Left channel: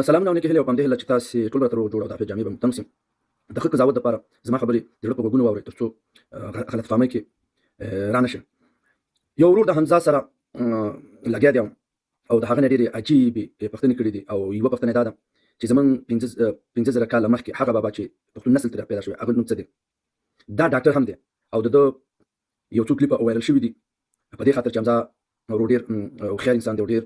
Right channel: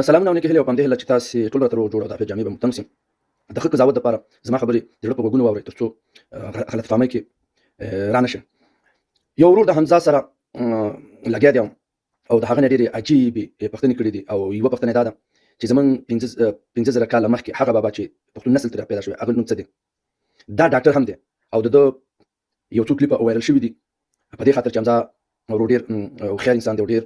سلامونه او نیکې هیلې او په همدې هیله چې تاسې ټول راته روغ جوړ او د عافیت جامې به مو تنګ سي. د ښه قضاوت دپاره زما خبرې د زړه په غوږونو واورئ تر څو غلط فهمۍ کې را نه شئ. یو ورور د حمزه سره لګیا دی او د هغه نه ډېرې عجیبې پوښتنې کړي دي او یوه پوښتنه یې دا ده چې زموږ 15,000 کاله مخکې هغه بابا چې پښتون نسل ته پیدا شوی هغه نوم څه دی؟ دا ډاکټر هم دی او د ده یو څو کلیپه وایرل شوي دي په دې خاطر چې حمزه ورور ډېر هوښیار انسان دی او ډېر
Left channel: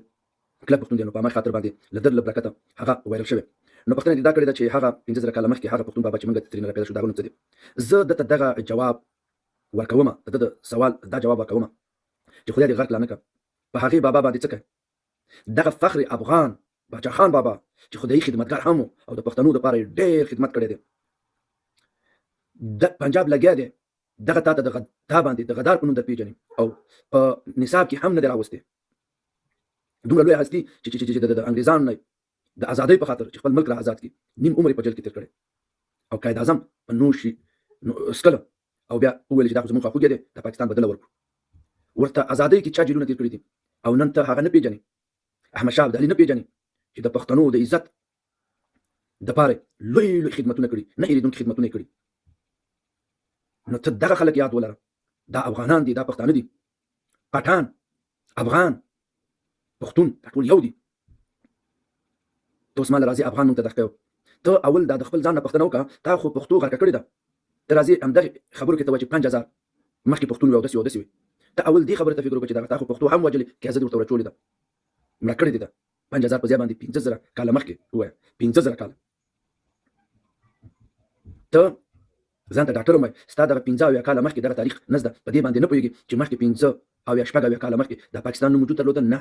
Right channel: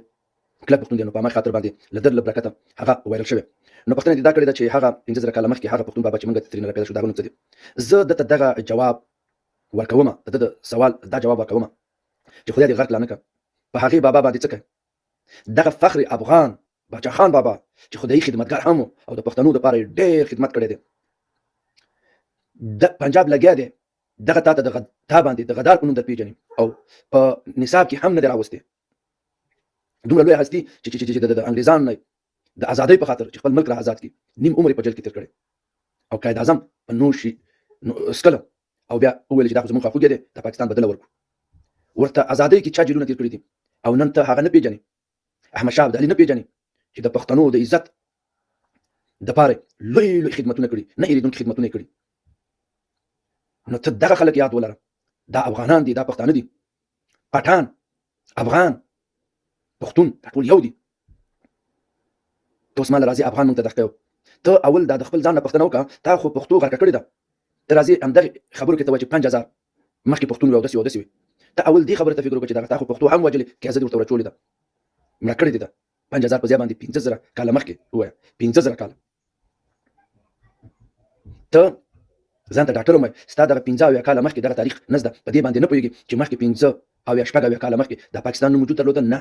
کلک پښتون دی، نو په همغه خاطر باندې له ده له برکته هغه وایرل شوی. نو پوښتنه دې دا کړې ده چې هغه 15,000 کاله مخکې هغه پښتون بابا چې موږ ترې نه پیدا شو د هغه نوم څه دی؟ زه دته دغه جواب ورکومه، د ده د سوال دا جواب ورکومه چې خدای دې غرق لا نه کړه په هغې بابا باندې څه کوي؟ دغه فخر افغان باچا خان بابا چې خدایي خدمتګار هم و او د پښتنو دپاره یې ډېر خدمت کړی دی. د پنجاب لګیا دی دغه تا ته تا باندې د غدار په نوم در پېژني او په نصاب کې هم نه دی راوستی. دومره لویه هستي چې د انګریزانو نه د ازادۍ په خاطر چې خپل ملک را آزاد کړي نیم عمر یې په جیل کې تېر کړی او قائد اعظم په نوش څکله او بیا وویل چې دا خو زموږ خواخوږی دی د پاکستان بدله ورکړو. ورته ازادۍ کې چا جیلونه تېر کړي دي او نن ته هغه نه پېژنې، احمدشاه ابدالي نه پېژنې چې د پښتنو د عزت دپاره لوی لوی خدمتونه کړي، نه هېرېدونکي خدمتونه یې کړي. نو ته دغه خلک یاد ولره، دا افغانان دي، دا پښتانه دي، پټان، افغان، پښتون دا ټول یو دي. ته اوس ما له راځي افغان نوم ته دښته یو ته اول دا د خپل ځان نه پوښتنه وکړه تا خو پښتو غرقه کړې ده. ته راځې همدغې خبرو کې ته وایې چې 5,000 مخکې پښتون وي او داسې او داسې وي. ته اول دې خبرې ته فکر وکړه چې دغه تا خو پښتو هم وژلې که زه دې ورته ورچولې ده مړه کړې دې ده 5,000 په ځای باندې 15,000 کاله مخکې ووایه 15,000 کاله. ته ځان ته ډاکټر ووایه ستا دغه 15 کاله مخکې دغه تاریخ نه زده په دې باندې نه پوهېږي چې مخکې 15 او یا شپږ اویا کاله مخکې د پاکستان نوم وجود درلوده؟ نه.